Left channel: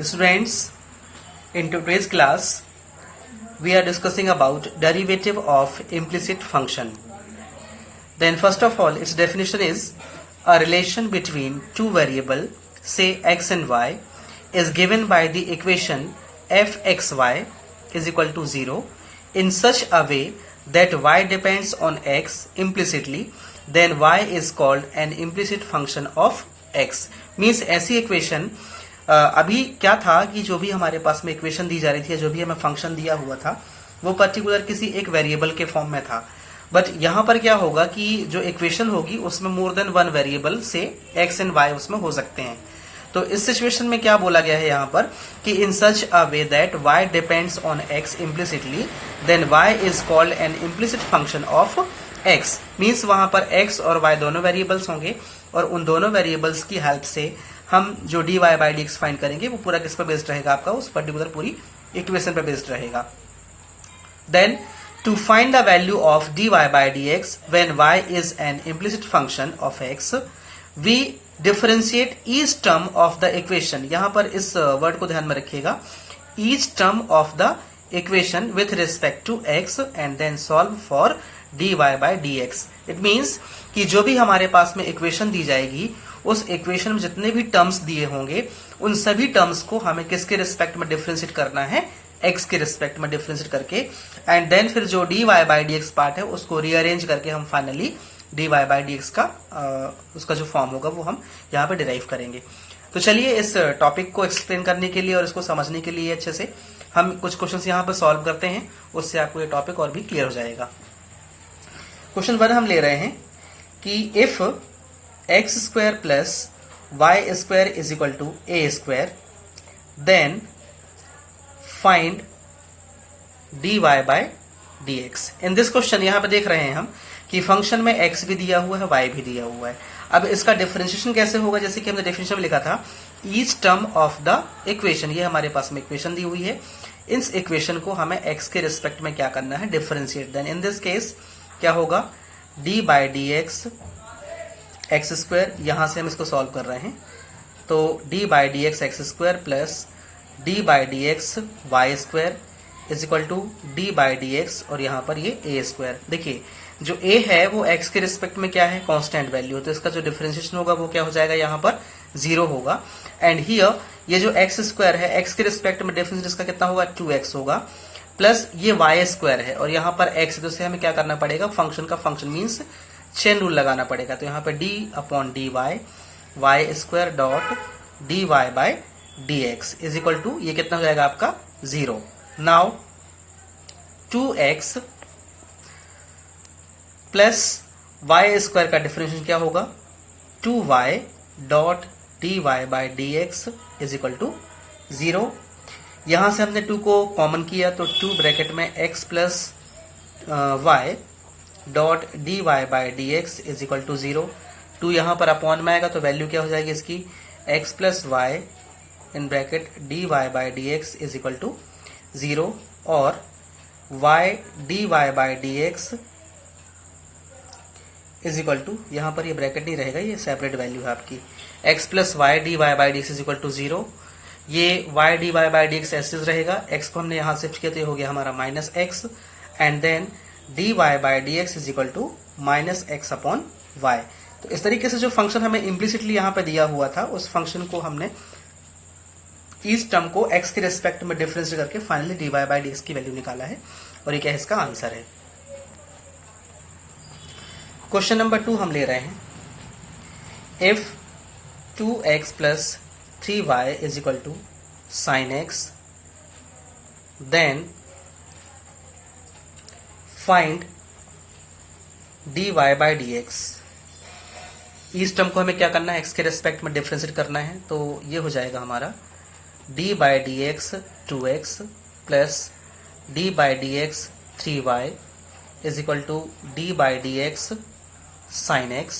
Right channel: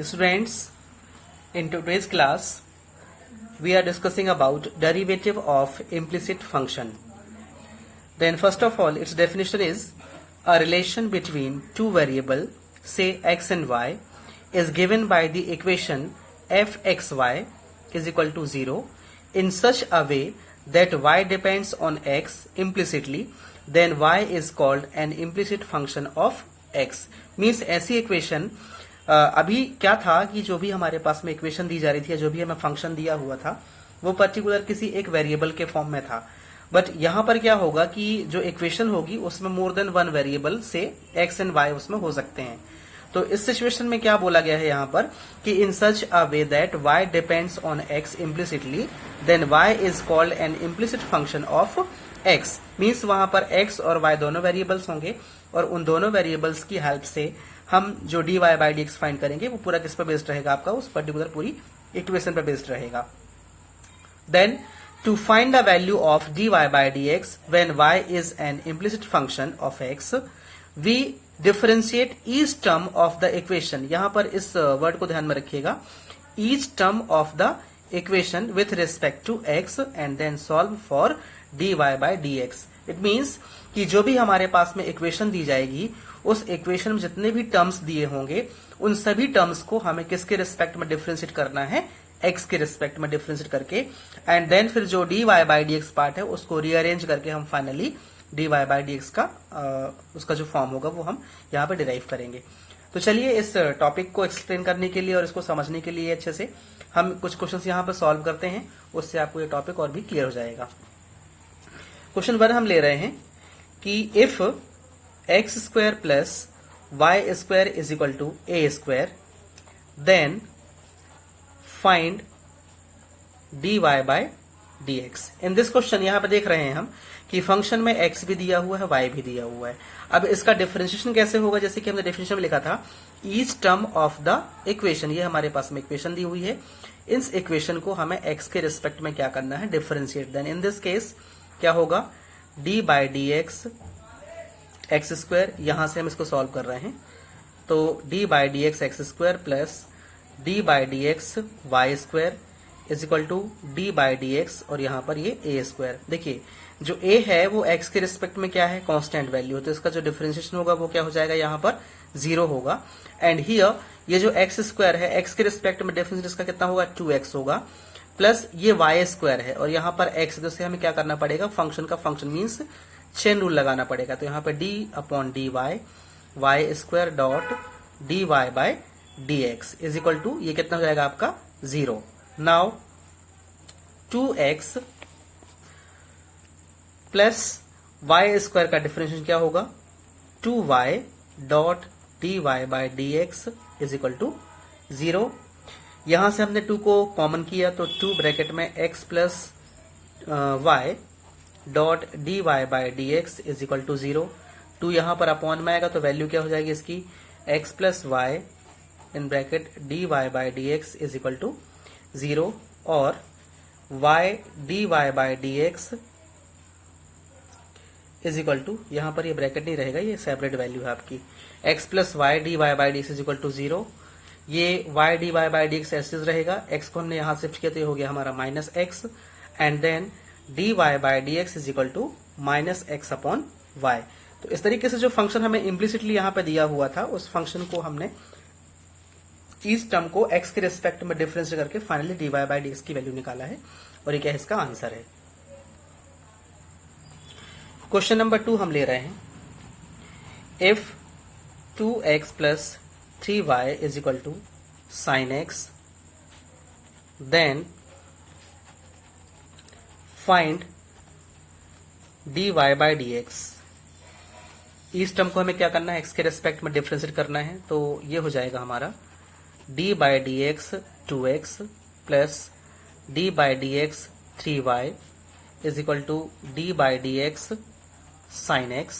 Students, in today's class, we are discussing about derivative of implicit function. Then first of all, its definition is a relation between two variables, say x and y, is given by the equation fxy is equal to 0 in such a way that y depends on x implicitly, then y is called an implicit function of x. Means ऐसी equation अभी क्या था कि जो भी हमारे पास में इक्वेशन दी जा रही थी, जो भी हमें फंक्शन दिया हुआ था, वो पर्टिकुलर किसी एक वेरिएबल के फॉर्म में था. बट यहाँ पर क्या होगा कि जो इक्वेशन होगी उसमें मोर देन वन वेरिएबल से एक्स एंड वाई उसमें हो सकते हैं. तो इस सिचुएशन में क्या बोला गया है यहाँ पर कि in such a way that y depends on x implicitly, then y is called an implicit function of x. Means वहां पर x और y दोनों वेरिएबल्स होंगे और उन दोनों वेरिएबल्स की हेल्प से हम जो dy बाई dx फाइंड करेंगे वो पूरा किस पर बेस्ड रहेगा, आपका उस पर्टिकुलर पूरी इक्वेशन पर बेस्ड रहेगा. Then to find the value of dy by dx when y is an implicit function of x, we differentiate each term of the equation. यहाँ पर इस वर्ड को ध्यान में रखिएगा, each term of the equation with respect to x and then solve for dy by dx. It means कि जो भी हमारे पास में इक्वेशन दी जाएगी उस इक्वेशन में जितने भी टर्म्स दिए होंगे उन सभी टर्म्स को हमें किसके रिस्पेक्ट में डिफरेंशिएट करना है, x के रिस्पेक्ट में डिफरेंशिएट करके, एंड देन फिर जो dy बाई dx पार्ट है उसको रीअरेंज करके हम फाइनली dy बाई dx का उसका जो फॉर्म होगा वो हम यहाँ पे डिराइव करेंगे. तो चलिए इस टॉपिक को एक्सप्लेन करने के लिए और इसको समझने के लिए अच्छे से हम कुछ क्वेश्चंस यहाँ पे सॉल्व करते हैं, उससे आपको ये टॉपिक और भी क्लियर हो जाएगा. क्वेश्चन 1 हम ले रहे हैं कि if x square plus y square is equal to a square then find dy by dx. In this question यहाँ पे देख रहे हैं हम कि फंक्शन में x भी दिया हुआ है, y भी दिया हुआ है. अब इसका डिफरेंशिएशन कैसे होगा, जैसे कि हमने डेफिनेशन में लिखा था each term of the equation. ये हमारे पास में इक्वेशन दी हुई है, इस इक्वेशन को हमें x के रिस्पेक्ट में क्या करना है, differentiate. Then in this case क्या होगा, d by d x x square, यहां से हम इसको सॉल्व कर रहे हैं तो d by d x x square plus d by d x y square is equal to d by d x और यहाँ पर ये ए स्क्वायर. देखिए जो a है वो x के रिस्पेक्ट में क्या है, कांस्टेंट वैल्यू, तो इसका जो डिफरेंशिएशन होगा वो क्या हो जाएगा, यहाँ पर 0 होगा. एंड हियर ये जो x स्क्वायर है x के रिस्पेक्ट में डिफरेंशिएशन इसका कितना होगा, 2x होगा, प्लस ये y स्क्वायर है और यहाँ पर x, तो हमें क्या करना पड़ेगा, फंक्शन का फंक्शन मीन्स चेन रूल लगाना पड़ेगा. तो यहाँ पर d upon d y square dot d y by d x is equal to ये कितना हो जाएगा आपका 0. Now 2x plus y square का डिफरेंशिएशन क्या होगा, 2y dot d y by d x is equal to 0. यहां से हमने 2 को कॉमन किया तो 2 ब्रैकेट में x plus y dot d y by d x is equal to 0. 2 यहाँ पर अपॉन में आएगा तो वैल्यू क्या हो जाएगी इसकी, x plus y in bracket d y by d x is equal to 0 और y d y by d x is equal to, यहाँ पर ये ब्रैकेट नहीं रहेगा, ये सेपरेट वैल्यू है आपकी, x plus y d y by d x is equal to 0. ये y d y by d x ऐसे रहेगा, x को हमने यहाँ शिफ्ट किया तो हो गया हमारा minus x and then d y by d x is equal to minus x upon y. तो इस तरीके से जो फंक्शन हमें इम्प्लिसिटली यहाँ पे दिया हुआ था उस फंक्शन को हमने इस टर्म को x के रिस्पेक्ट में डिफरेंस करके finally d y by d x की वैल्यू निकाला है और ये क्या है, इसका आंसर है. क्वेश्चन नंबर 2 हम ले रहे हैं, if 2x plus 3y is equal to sine x then find dy by dx. इस टर्म को हमें क्या करना है, x के रिस्पेक्ट में डिफरेंशिएट करना है तो ये हो जाएगा हमारा d by d x 2x plus d by d x 3y is equal to d by d x sine x.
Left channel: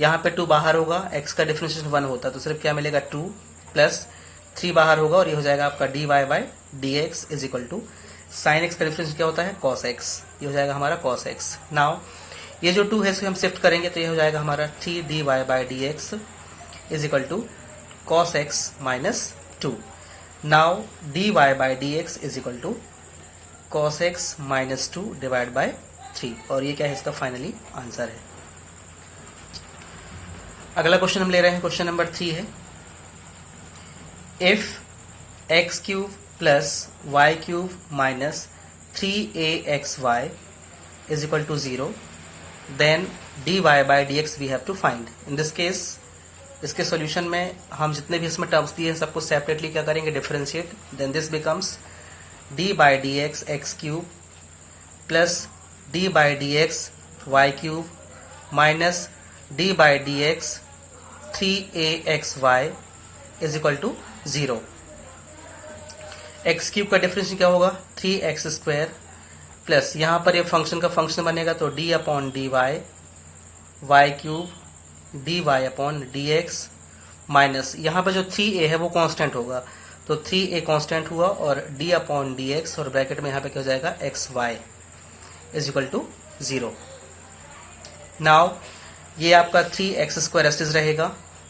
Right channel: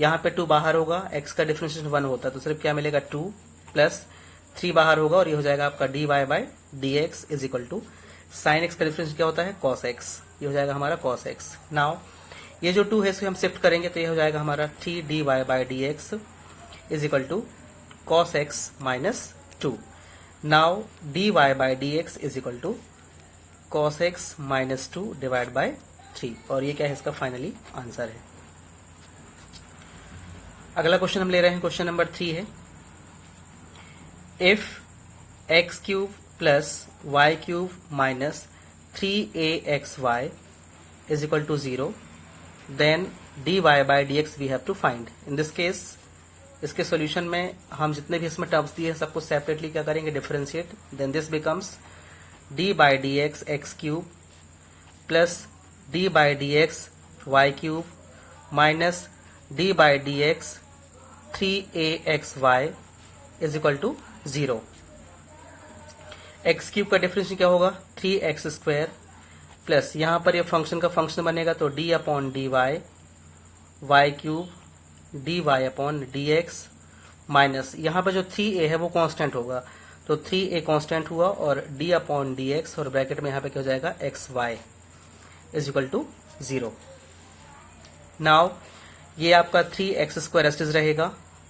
यहाँ पे 2 बाहर होगा, x का डिफरेंशिएशन 1 होता तो सिर्फ क्या मिलेगा 2 प्लस 3 बाहर होगा और ये हो जाएगा आपका dy by d x is equal to sine x का डिफरेंशिएशन क्या होता है, cos x, ये हो जाएगा हमारा cos x. नाउ ये जो 2 है इसको हम शिफ्ट करेंगे तो ये हो जाएगा हमारा 3 dy by d x is equal to cos x minus 2. Now dy by dx is equal to cos x minus 2 divided by 3. और ये क्या है, इसका फाइनली आंसर है. अगला क्वेश्चन हम ले रहे हैं, क्वेश्चन नंबर 3 है. If x cube plus y cube minus 3axy is equal to 0, then dy by dx we have to find. In this case, इसके सॉल्यूशन में हम जितने भी इसमें टर्म्स दिए हैं सबको सेपरेटली क्या करेंगे, differentiate. Then this becomes d by d x x cube plus d by d x y cube minus d by d x 3aXy is equal to 0. X cube का डिफरेंशियल क्या होगा, 3x square plus यहाँ पर ये function का function बनेगा तो d upon d y cube d y upon d x minus यहाँ पर जो 3a है वो कांस्टेंट होगा तो 3a कांस्टेंट हुआ और d अपॉन डी एक्स और ब्रैकेट में यहाँ पे क्या हो जाएगा xy is equal to 0. Now ये आपका 3x स्क्वायर एस्टिस रहेगा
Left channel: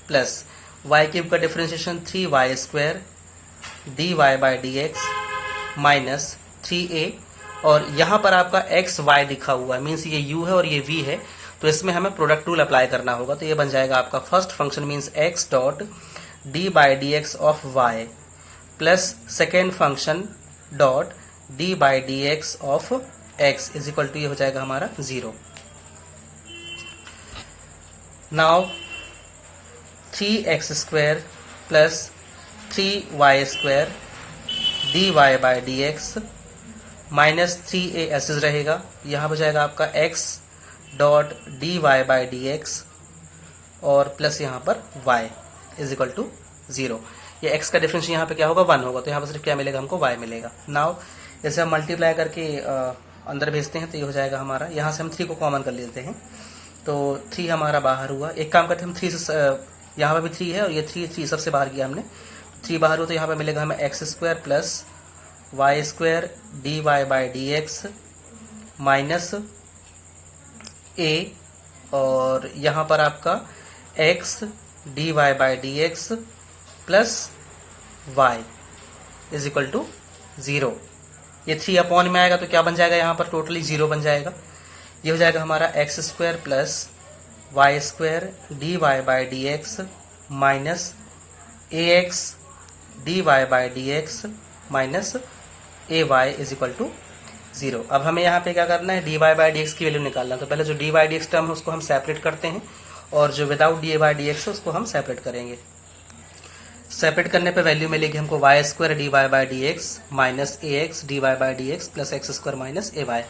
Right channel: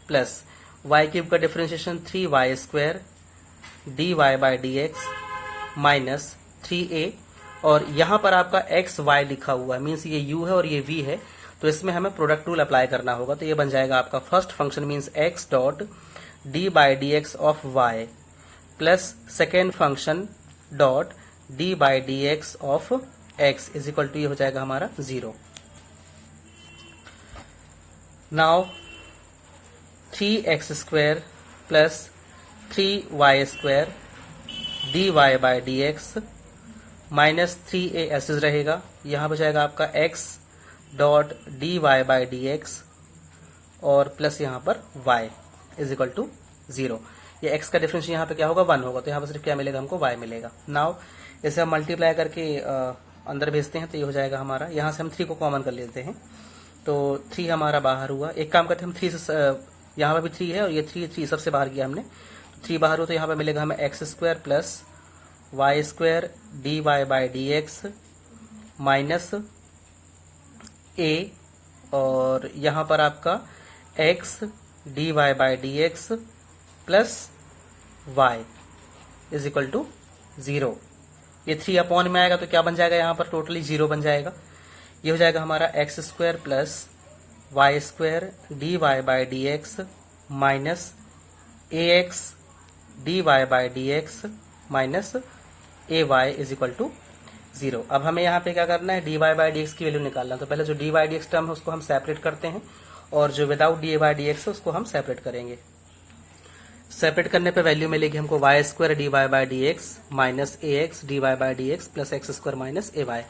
प्लस y क्यूब का differentiation 3y square dy by d x minus 3a और यहाँ पर आपका xy लिखा हुआ है, मीन्स ये u है और ये v है तो इसमें हमें प्रोडक्ट रूल अप्लाई करना होगा. तो ये बन जाएगा आपका first function means x dot d by d x of y plus second function dot d by d x of x is equal to ये हो जाएगा हमारा 0. Now 3x square plus 3y square d y by d x minus 3a ऐसे रहेगा. यहाँ हो जाएगा आपका x dot d y by d x और प्लस यहाँ पर y इज इक्वल टू 0. ये x का डिफरेंस यहाँ पे क्या होगा 1 होगा तो यहाँ पर सिर्फ क्या मिलेगा हमको y मिलेगा. नाउ जैसे हम मल्टीप्लाई करके अंदर भेजते हैं तो ये हो जाएगा हमारा, यहाँ से हम 3 को कॉमन कर लेते हैं तो 3 हमारा बाहर हुआ. एक काम करते हैं हम 3 से, यहाँ पर भी 3 है और ये 3 सबसे बाहर किया हमने, 3 बाहर हो तो यहाँ पर मिलेगा हमें x square plus y square d y by d x minus a और यहाँ पर आपका x d y by d x plus y is equal to 0. ये 3 अपॉन में आएगा तो क्या बन जाएगा, यहाँ पर टोटली 0 बन जाएगा. ये हो जाएगा हमारा x square plus y square d y by d x minus ax d y by d x minus ay is equal to 0. अब हमें यहाँ पे क्या करना है, d y by d x की वैल्यू निकालना. तो पहले जो d y d x term है उसको हम सेपरेट करते हैं और जो without d y d x है उसको हम सेपरेट करेंगे. सेपरेट करने पे वैल्यू मिलेगी हमको y square d y by d x minus a x d y by d x plus x square minus a y.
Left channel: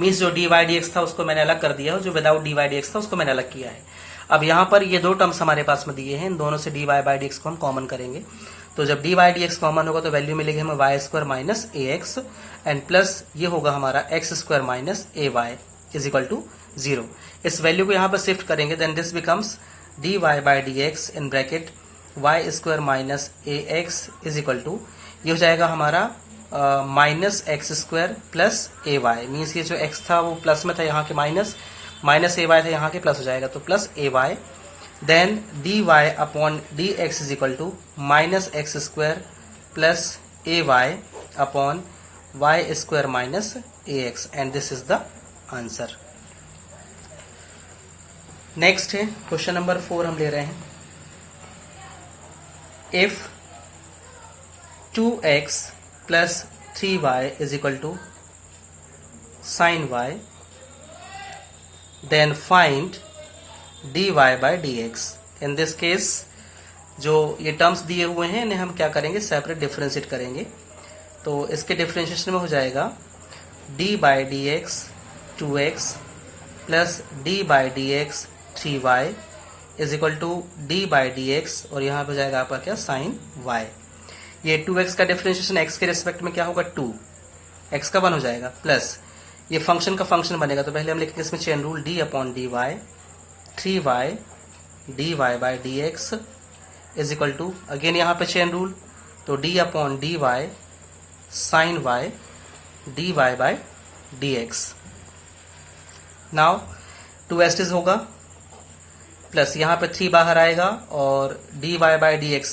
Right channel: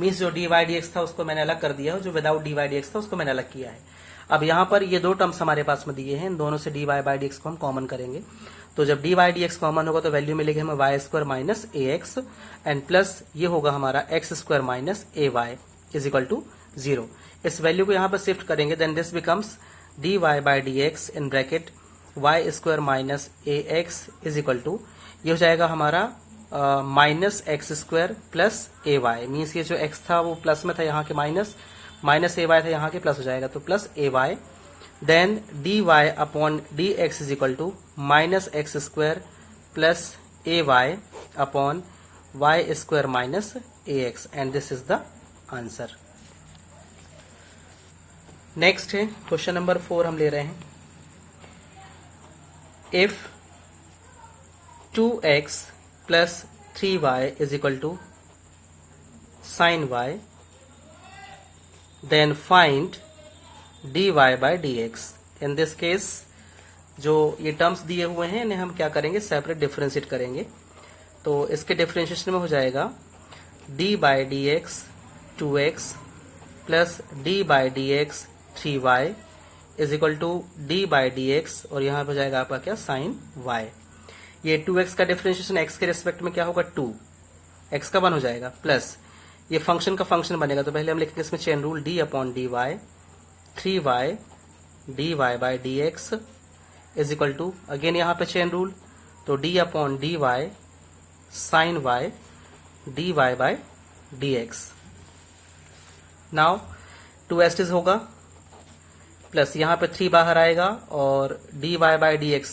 Means जो डी वाई डी एक्स था उसको मैंने अलग कर दिया और जो without d y d x था उसको मैंने अलग किया है. अब यहाँ पर ये 2 टर्म्स हमारे पास में दिए हैं, इन दोनों से d y by d x को हम कॉमन करेंगे. तो जब d y d x common होगा तो वैल्यू मिलेगी हमें y square minus a x and plus ये होगा हमारा x square minus a y is equal to 0. इस वैल्यू को यहाँ पर शिफ्ट करेंगे then this becomes d y by d x in bracket y square minus a x is equal to ये हो जाएगा हमारा minus x square plus a y. Means ये जो एक्स था वो प्लस में था, यहाँ के माइनस ए वाई था, यहाँ के प्लस हो जाएगा तो plus a y. Then d y upon d x is equal to minus x square plus a y upon y square minus a x and this is the answer. Next है question number 4 हम ले रहे हैं. If 2x plus 3y is equal to sin y, then find dy by dx. In this case, जो ये terms दिए हुए हैं इन्हें हम क्या करेंगे, सेपरेट डिफरेंशिएट करेंगे. तो इसके डिफरेंशिएशन में हो जाएगा d by dx 2x plus d by dx 3y is equal to d by d x और यहाँ पे जाएगा आपका क्या साइन y. ये 2x का डिफरेंशिएशन x के रिस्पेक्ट में क्या होगा 2, x का 1 हो जाएगा प्लस ये फंक्शन का फंक्शन बनेगा तो पहले हम लिखेंगे इसमें chain rule d upon d y 3y d y by d x is equal to again यहाँ पे चेन रूल तो d upon d y sine y d y by d x. Now 2s होगा plus यहाँ पे 3 बाहर आएगा और d y by d x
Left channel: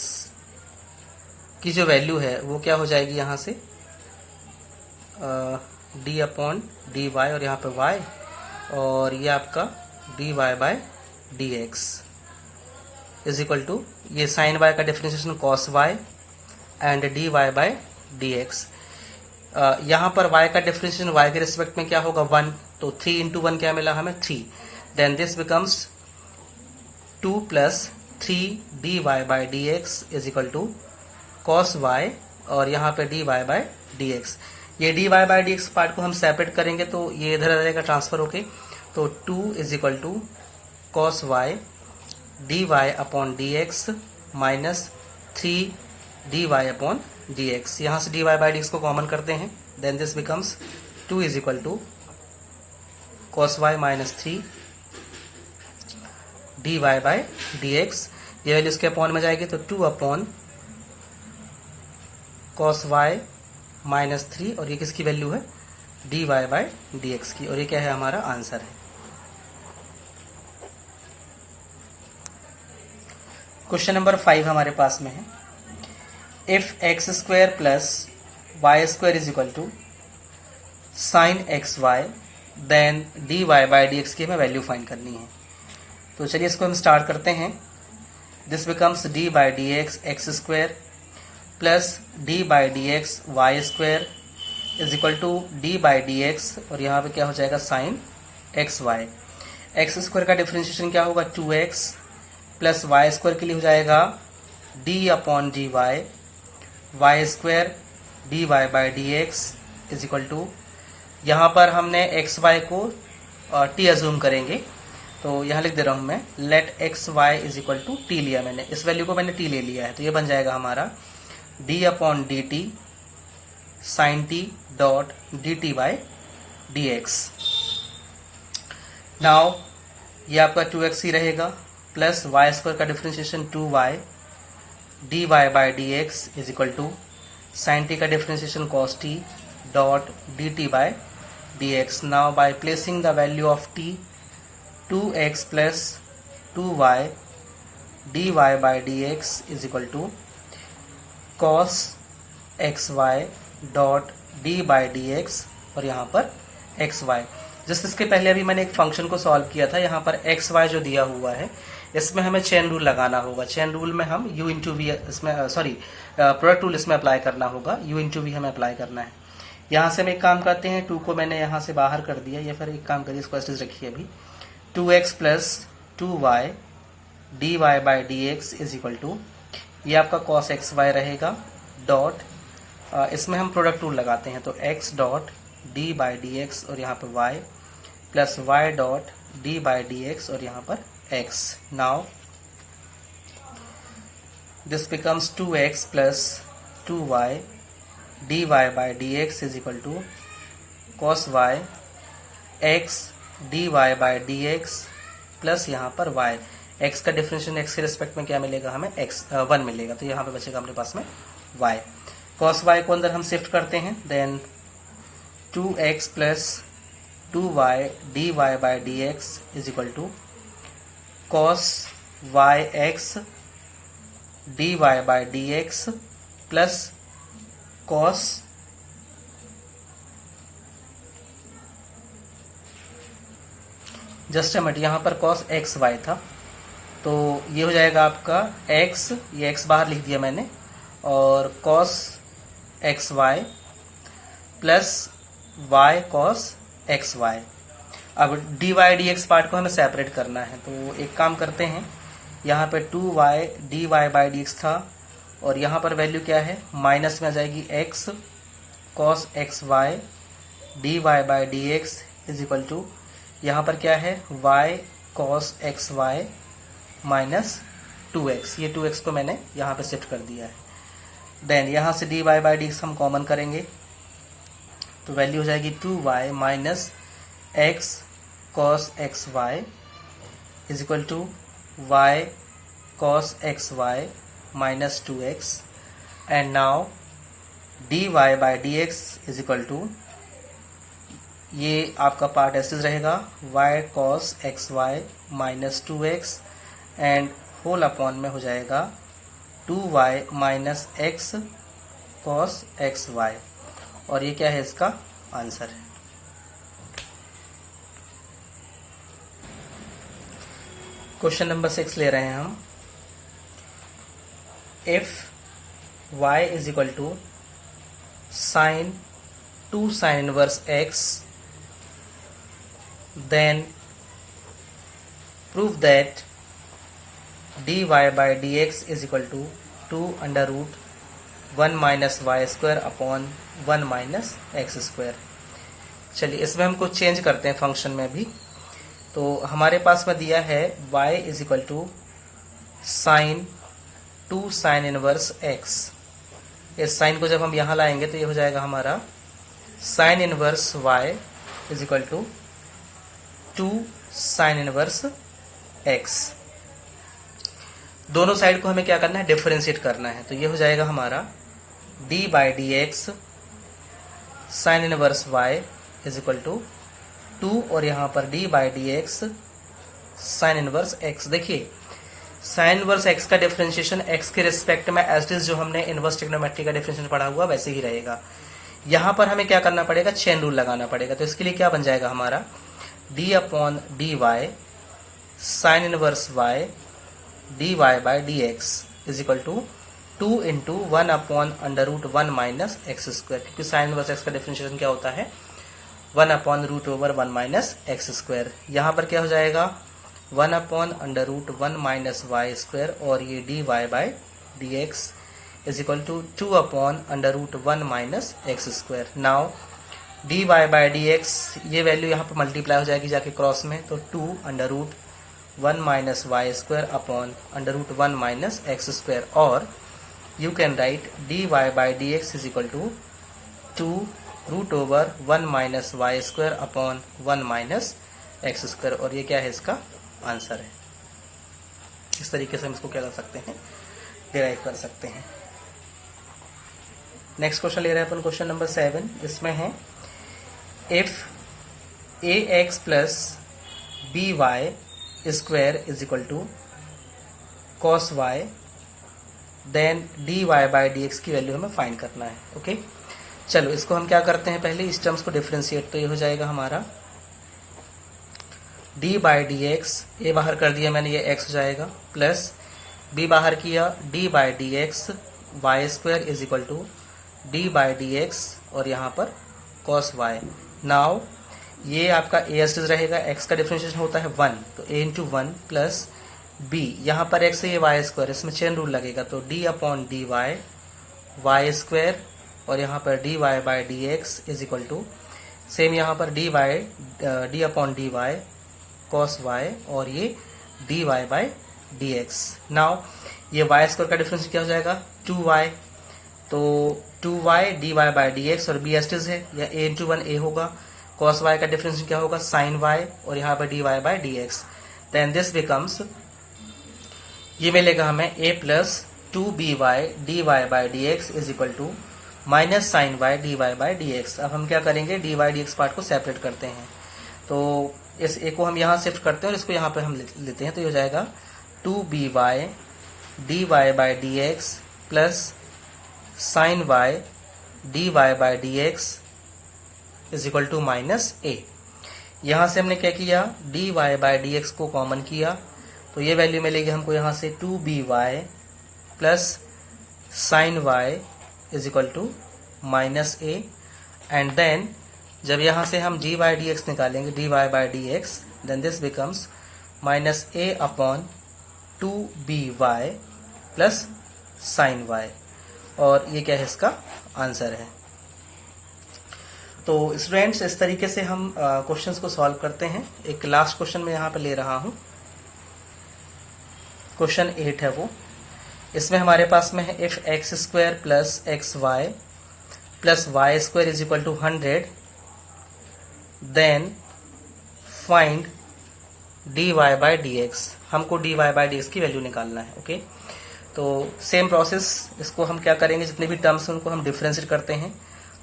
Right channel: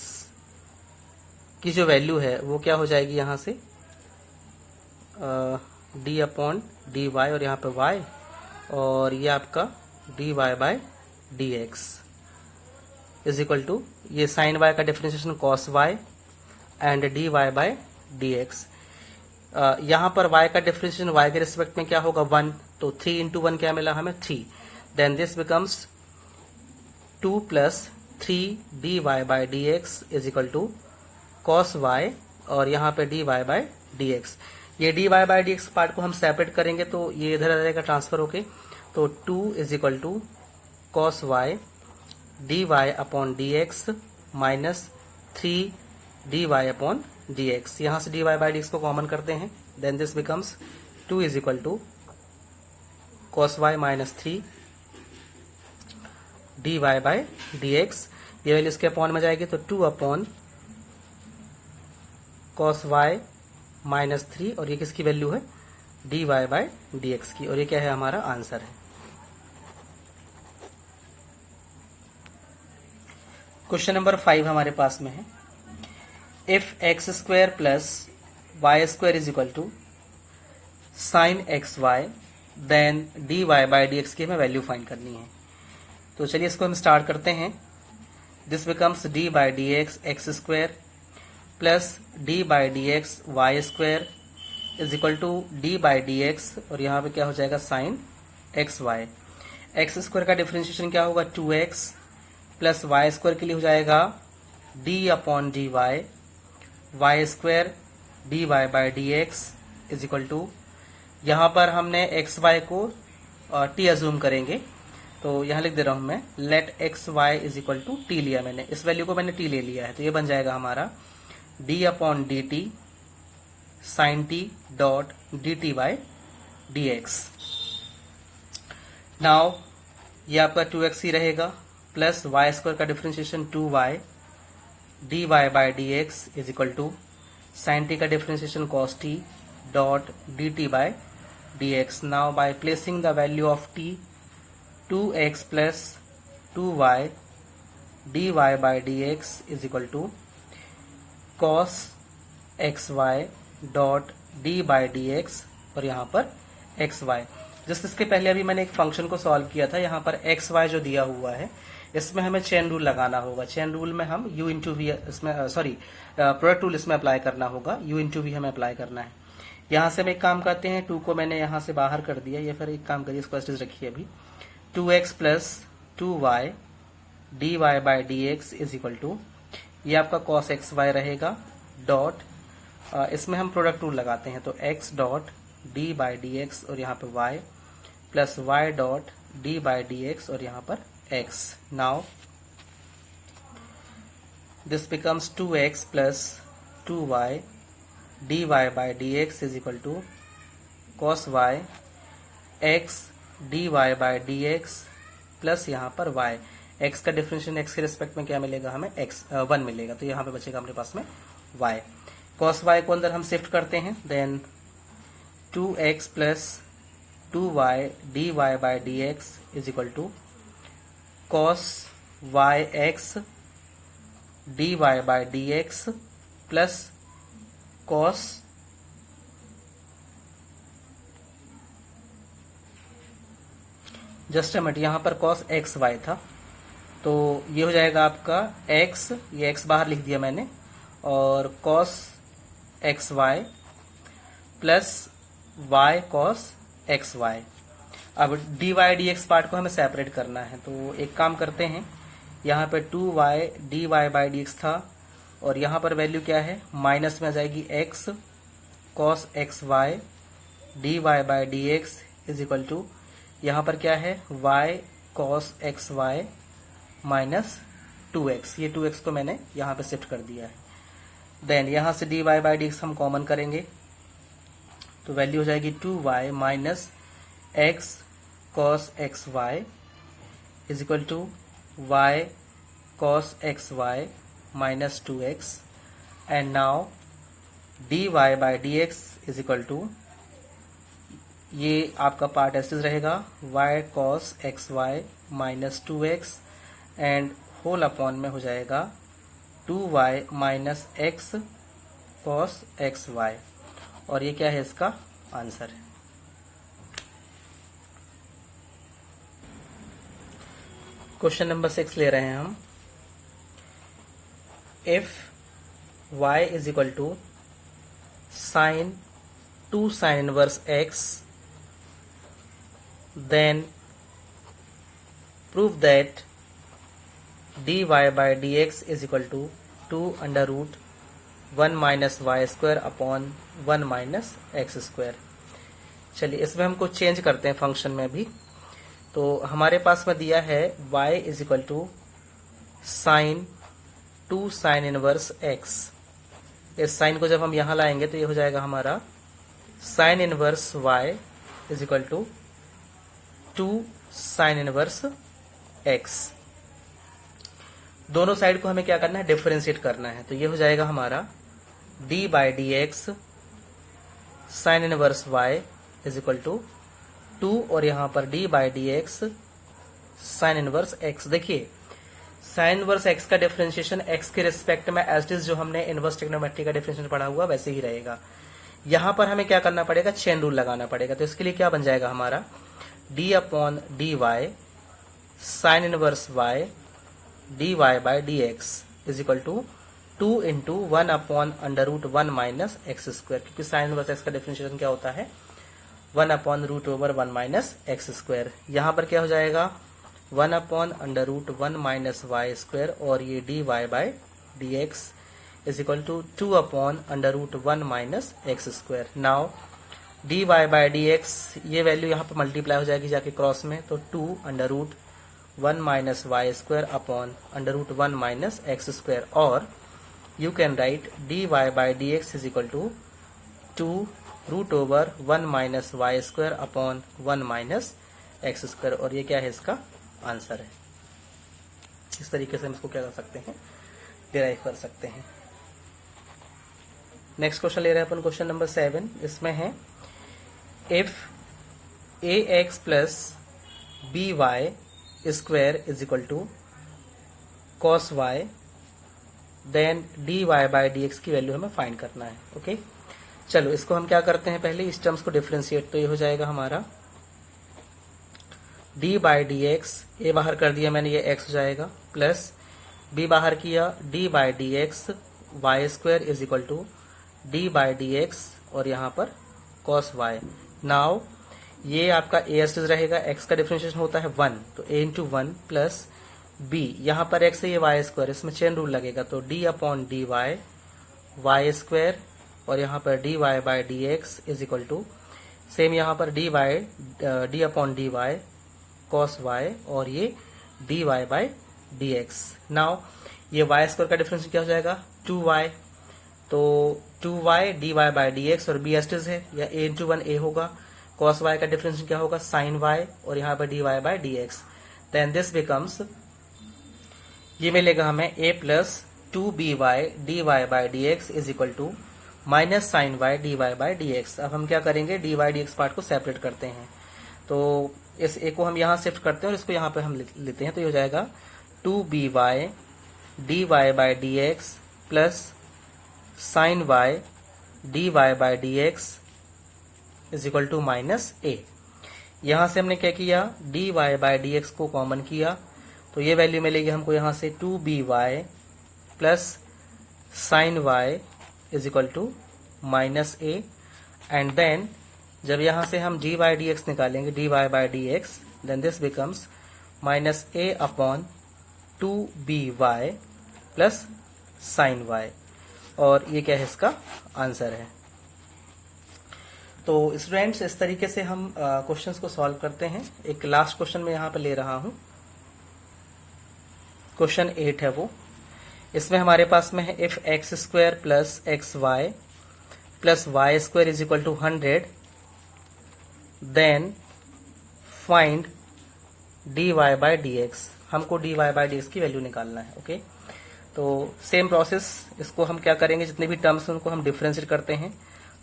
की जो वैल्यू है वो क्या हो जाएगी यहाँ से डी अपॉन डी वाई और यहाँ पे वाई, और ये आपका d y by d x is equal to ये साइन वाई का differentiation cos y and d y by d x. यहाँ पर y का डिफरेंशिएशन y के रिस्पेक्ट में क्या होगा 1, तो 3 इंटू 1 क्या मिला हमें 3, then this becomes 2 plus 3 d y by d x is equal to cos y और यहाँ पे d y by d x. ये d y by d x part को हम सेपरेट करेंगे तो ये इधर आ जाएगा ट्रांसफर होके, तो 2 is equal to cos y d y upon d x minus 3 d y upon d x. यहाँ से d y by d x को कॉमन करते हैं, then this becomes 2 is equal to cos y minus 3 d y by d x. ये value इसके upon में जाएगी तो 2 अपॉन कॉस वाई माइनस 3 और ये किसकी वैल्यू है d y by d x की, और ये क्या है हमारा आंसर है। क्वेश्चन नंबर 5 हमारे पास में है, if x square plus y square is equal to sine x y then d y by d x की हमें वैल्यू फाइंड करनी है। तो चलिए इसको हम स्टार्ट करते हैं। This becomes d by d x x square plus d by d x y square is equal to d by d x और यहाँ पे क्या हो जाएगा sine x y. X square का डिफरेंशिएशन क्या होगा 2x प्लस वाई स्क्वायर के लिए हो जाएगा d upon d y y square d y by d x is equal to, यहाँ पर हमने एक्स वाई को टी अज्यूम करेंगे तो यहाँ लिख दे रहा हूँ मैं, let x y is equal to t लिया मैंने, इस वैल्यू को मैंने टी ले लिया है, तो ये बन जाएगा हमारा d upon d t sine t dot d t by d x. Now ये आपका 2x ही रहेगा प्लस वाई स्क्वायर का differentiation 2y d y by d x is equal to sine t का differentiation cos t dot d t by d x. Now by placing the value of t 2x plus 2y d y by d x is equal to cos x y dot d by d x और यहाँ पर x Y. Just इसके पहले अभी मैंने एक function को solve किया था, यहाँ पर एक्स वाई जो दिया हुआ है इसमें हमें चेन रूल लगाना होगा। चेन रूल में हम u इंटू वी इसमें प्रोडक्ट रूल इसमें अप्लाई करना होगा, u इंटू वी हमें अप्लाई करना है। यहाँ से हम एक काम करते हैं, 2 को मैंने यहाँ से बाहर कर दिया, या फिर एक काम करिए इसको ऐसे रखिए अभी, 2x plus 2y d y by d x is equal to, ये आपका कॉस एक्स वाई रहेगा डॉट इसमें हम प्रोडक्ट रूल लगाते हैं तो x dot d by d x और यहाँ पर y plus y dot d by d x और यहाँ पर x। Now this becomes 2x plus 2y d y by d x is equal to cos y x d y by d x plus यहाँ पर y। x का differentiation x के respect में क्या मिलेगा हमें 1 मिलेगा, तो यहाँ पे बचेगा अपने पास में y। cos y को अंदर हम शिफ्ट करते हैं, then 2x plus 2y d y by d x is equal to cos y x d y by d x plus cos just a minute, यहाँ पर कॉस एक्स वाई था तो ये हो जाएगा आपका x, ये x बाहर लिख दिया मैंने, और cos x y plus y cos x y. अब d y d x part को हमें सेपरेट करना है, तो एक काम करते हैं, यहाँ पे 2y d y by d x था और यहाँ पर वैल्यू क्या है माइनस में आ जाएगी x cos x y d y by d x is equal to, यहाँ पर क्या है y cos x y minus 2x, ये 2x को मैंने यहाँ पे शिफ्ट कर दिया है। देन यहाँ से d y by d x हम कॉमन करेंगे तो वैल्यू हो जाएगी 2y minus x cos x y is equal to y cos x y minus 2x and now d y by d x is equal to, ये आपका part ऐसे रहेगा y cos x y minus 2x and whole upon में हो जाएगा 2y minus x cos x y, और ये क्या है इसका आंसर है। क्वेश्चन नंबर 6 ले रहे हैं हम। If y is equal to sine 2 sine inverse x, then prove that dy by dx is equal to 2 under root 1 minus y square upon 1 minus x square। चलिए इसमें हम कुछ चेंज करते हैं फंक्शन में भी। तो हमारे पास में दिया है y is equal to sine 2 sine inverse x। इस साइन को जब हम यहाँ लाएंगे तो ये हो जाएगा हमारा sine inverse y is equal to 2 sine inverse x। दोनों साइड को हमें क्या करना है, डिफरेंशिएट करना है। तो ये हो जाएगा हमारा d by d x sine inverse y is equal to 2, और यहाँ पर d by d x sine inverse x। देखिए साइन इनवर्स x का डिफरेंशिएशन x के रिस्पेक्ट में एज इट इज जो हमने इनवर्स ट्रिग्नोमेट्री का डिफरेंशिएशन पढ़ा हुआ वैसे ही रहेगा। यहाँ पर हमें क्या करना पड़ेगा, चेन रूल लगाना पड़ेगा। तो इसके लिए क्या बन जाएगा हमारा d upon d y sine inverse y dy by d x is equal to 2 into 1 upon under root 1 minus x square, क्योंकि साइन इनवर्स एक्स का डिफरेंशिएशन क्या होता है 1 upon root over 1 minus x square. यहाँ पर क्या हो जाएगा 1 upon under root 1 minus y square, और ये dy by d x is equal to 2 upon under root 1 minus x square. Now dy by d x ये वैल्यू यहाँ पर मल्टीप्लाई हो जाएगी जाके क्रॉस में, तो 2 under root 1 minus y square upon under root 1 minus x square, और you can write dy by d x is equal to 2 root over 1 minus y square upon 1 minus x square, और ये क्या है इसका answer है। इस तरीके से हम इसको क्या कर सकते हैं, डिराइव कर सकते हैं। नेक्स्ट क्वेश्चन ले रहे हैं अपन क्वेश्चन नंबर 7। इसमें है if ax plus by square is equal to cos y, then dy by d x की वैल्यू हमें फाइंड करना है। ओके चलो इसको हम क्या करते हैं, पहले इस टर्म्स को डिफरेंशिएट। तो ये हो जाएगा हमारा d बाई डी एक्स, ए बाहर कर दिया मैंने, ये x हो जाएगा, प्लस b बाहर किया d by d x y square is equal to d by d x, और यहाँ पर cos y। नाउ ये आपका a एस रहेगा, x का डिफरेंशिएशन होता है 1, तो a इंटू 1 प्लस b, यहाँ पर x है ये वाई स्क्वायर, इसमें चेन रूल लगेगा, तो d upon d y y square, और यहाँ पर dy by d x is equal to same यहाँ पर d upon d y cos y, और ये dy by d x. Now ये y स्क्वायर का डिफरेंस क्या हो जाएगा 2y, तो 2y dy by d x, और b एस्टिस है या a इंटू 1 a होगा, cos y का डिफरेंस क्या होगा sin y, और यहाँ पर dy by d x. Then this becomes, ये मिलेगा हमें a plus 2by dy by d x is equal to minus sine y dy by d x. अब हम क्या करेंगे, dy डी एक्स पार्ट को सेपरेट करते हैं, तो इस a को हम यहाँ शिफ्ट करते हैं और इसको यहाँ पे हम लेते हैं, तो ये हो जाएगा 2by dy by d x plus sine y dy by d x is equal to minus a। यहाँ से हमने क्या किया, dy बाई डी एक्स को कॉमन किया, तो ये वैल्यू मिलेगी हमको यहाँ से 2by plus sine y is equal to minus a, and then जब यहाँ से हम g बाई डी एक्स निकालेंगे dy by d x, then this becomes minus a upon 2by plus sine y, और ये क्या है इसका आंसर है। तो स्टूडेंट्स इस तरीके से हम क्वेश्चंस को सॉल्व करते हैं। एक लास्ट क्वेश्चन मैं यहाँ पे ले रहा हूँ, क्वेश्चन 8 है वो। इसमें हमारे पास में है if x square plus x y plus y square is equal to 100, then find dy by d x. हमको dy बाई डी एक्स की वैल्यू निकालना है। ओके तो सेम प्रोसेस, इसको हम क्या करेंगे, जितने भी टर्म्स हैं उनको हम डिफरेंशिएट करते हैं।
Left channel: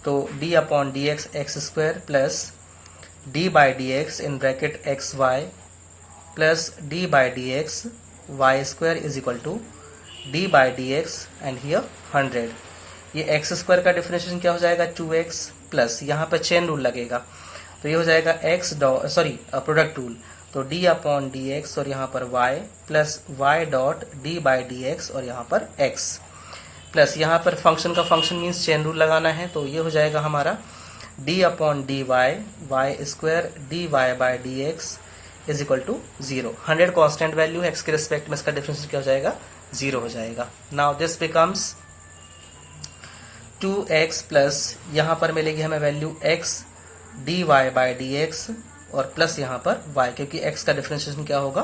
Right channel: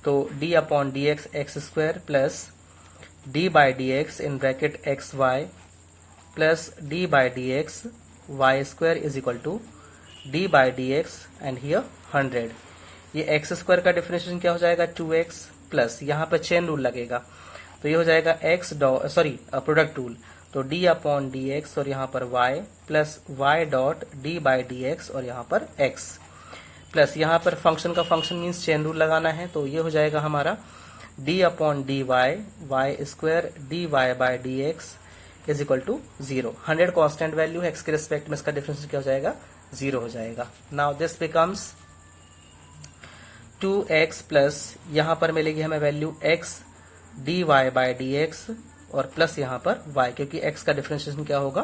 तो d upon d x x square plus d by d x in bracket x y plus d by d x y square is equal to d by d x and here 100। ये x square का differentiation क्या हो जाएगा 2x plus, यहाँ पर chain rule लगेगा तो ये हो जाएगा प्रोडक्ट रूल, तो d अपॉन डी एक्स और यहाँ पर y plus y dot d by d x और यहाँ पर x प्लस यहाँ पर फंक्शन का फंक्शन मीन्स चेन रूल लगाना है, तो ये हो जाएगा हमारा d upon d y square d y by d x is equal to 0। 100 constant value, x के रिस्पेक्ट में इसका डिफरेंस क्या हो जाएगा 0 हो जाएगा। Now this becomes 2x plus यहाँ पर मिलेगी हमें value x d y by d x और प्लस यहाँ पर y, क्योंकि x का डिफरेंशिएशन क्या होगा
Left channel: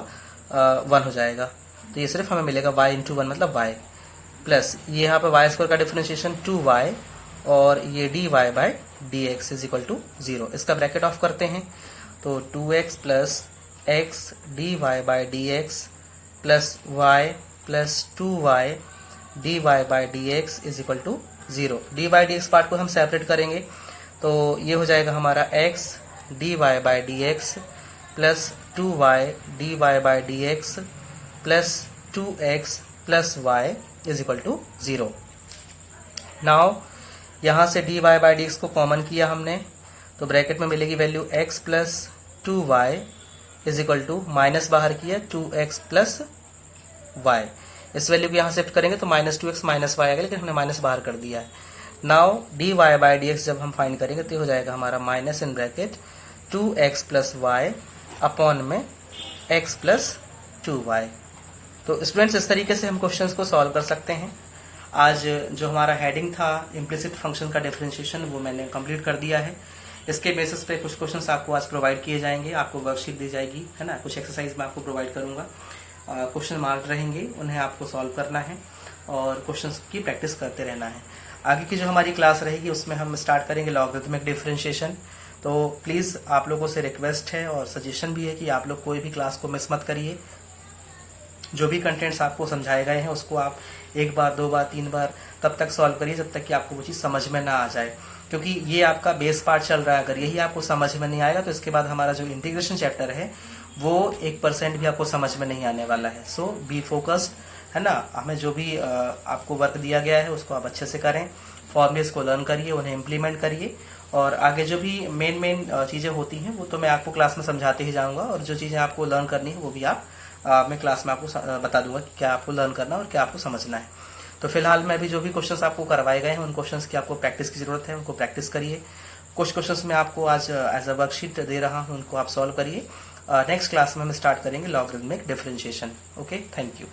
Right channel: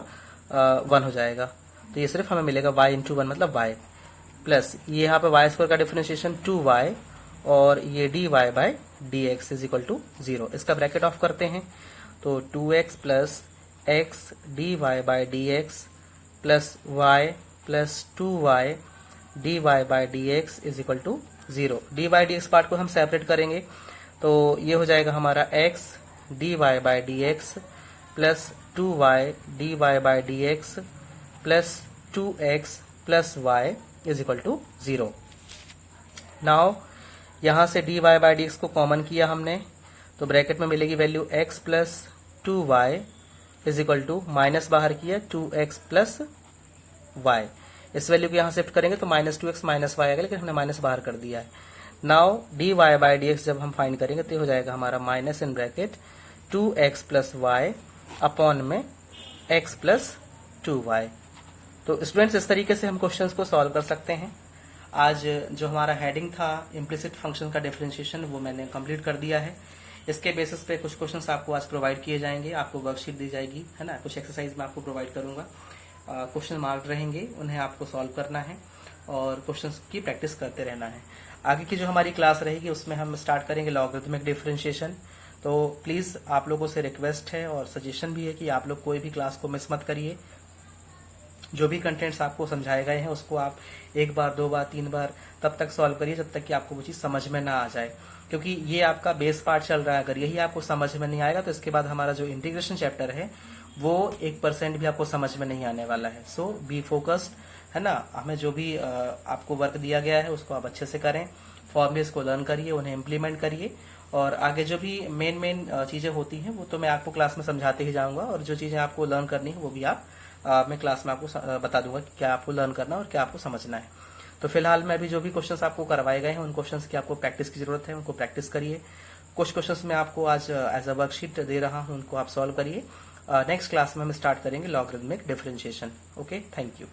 1 हो जाएगा, तो ये सिर्फ हमें मिलेगा y इंटू 1 मतलब y प्लस ये यहाँ पर y स्क्वायर का डिफरेंशिएशन 2y और ये d y by d x is equal to 0। इसका ब्रैकेट ऑफ करते हैं तो 2x plus x d y by d x plus y plus 2y d y by d x is equal to 0। D by d x part को हम separate करेंगे तो ये हो जाएगा हमारा x d y by d x plus 2y d y by d x plus 2x plus y is equal to 0। Now यहाँ से d y by d x को कॉमन किया हमने तो ब्रैकेट में मिलेगी value x plus 2y is equal to minus बाहर किया 2x प्लस y। इस वैल्यू को यहाँ शिफ्ट करेंगे तो माइनस 2x माइनस y आएगा, लेकिन हमने माइनस बाहर कर दिया है। Now d y by d x जब हम फाइंड करेंगे तो हो जाएगा हमारा minus in bracket 2x plus y upon में x प्लस 2y। तो स्टूडेंट्स इस तरीके से हम क्वेश्चंस को सॉल्व कर सकते हैं। आज जो हमारा हेडिंग था इम्प्लिसिट फंक्शन का डिफरेंशिएशन वो मैंने कंप्लीट कर दिया है। इसके बेसिस पे कुछ क्वेश्चंस आपको आज प्रोवाइड किए जाएंगे, आपको वर्कशीट दी जाएगी, है ना, कुछ एक्सरसाइज मैं आपको प्रोवाइड करूंगा, क्वेश्चन मार्क रहेंगे, उन्हें आपको सॉल्व करना है और क्वेश्चंस की प्रैक्टिस करते रहना है। आगे की जो हमारी क्लास रहेगी उसमें हम स्टार्ट करेंगे लॉगरिथमिक डिफरेंशिएशन। तो प्लीज़ आप लोगों से रिक्वेस्ट है और सजेशन भी है कि आप लोग कोई भी क्लास को मिस मत करिए। जो भी कंटेंट्स आपको समझाए गए हैं उसको आप 1 बार 2 बार 3 बार तब तक सॉल्व करिए जब तक कि आपको वो चीज़ समझ में ना आ जाए, क्योंकि ये आपका बेस पार्ट चल रहा है। अगर यही आपको समझ में नहीं आएगा तो इसके बाद हमारा जो इंटीग्रेशन चैप्टर है वो 1% भी आपको समझ में नहीं आने वाला है। सो बी फोकस्ड, है ना। हमें जो भी आपको वर्क दिया गया है उसको आप अच्छे से करें, फॉर्मूलेस को लर्न करिए, उन्हें इम्प्लीमेंट करिए और आगे जो भी मेन चीज़ें होती हैं वो तो मैं आपको क्लास में समझाते ही जाऊँगा और जो चीज़ें आपको लर्न करनी है वो भी मैं क्लास में आपको बता दूंगा कि क्या आपको लर्न करना है और क्या आपको समझना है। तो फिलहाल मैं भी जो भी क्वेश्चंस आपको करवाए गए हैं उन क्वेश्चंस की आपको प्रैक्टिस की जरूरत है, उनको प्रैक्टिस करिए। कुछ क्वेश्चंस मैं आपको आज एज अ वर्कशीट दे रहा हूं, उनको आप सॉल्व करिए। नेक्स्ट क्लास में हम स्टार्ट करेंगे logarithmic differentiation. Okay, thank you.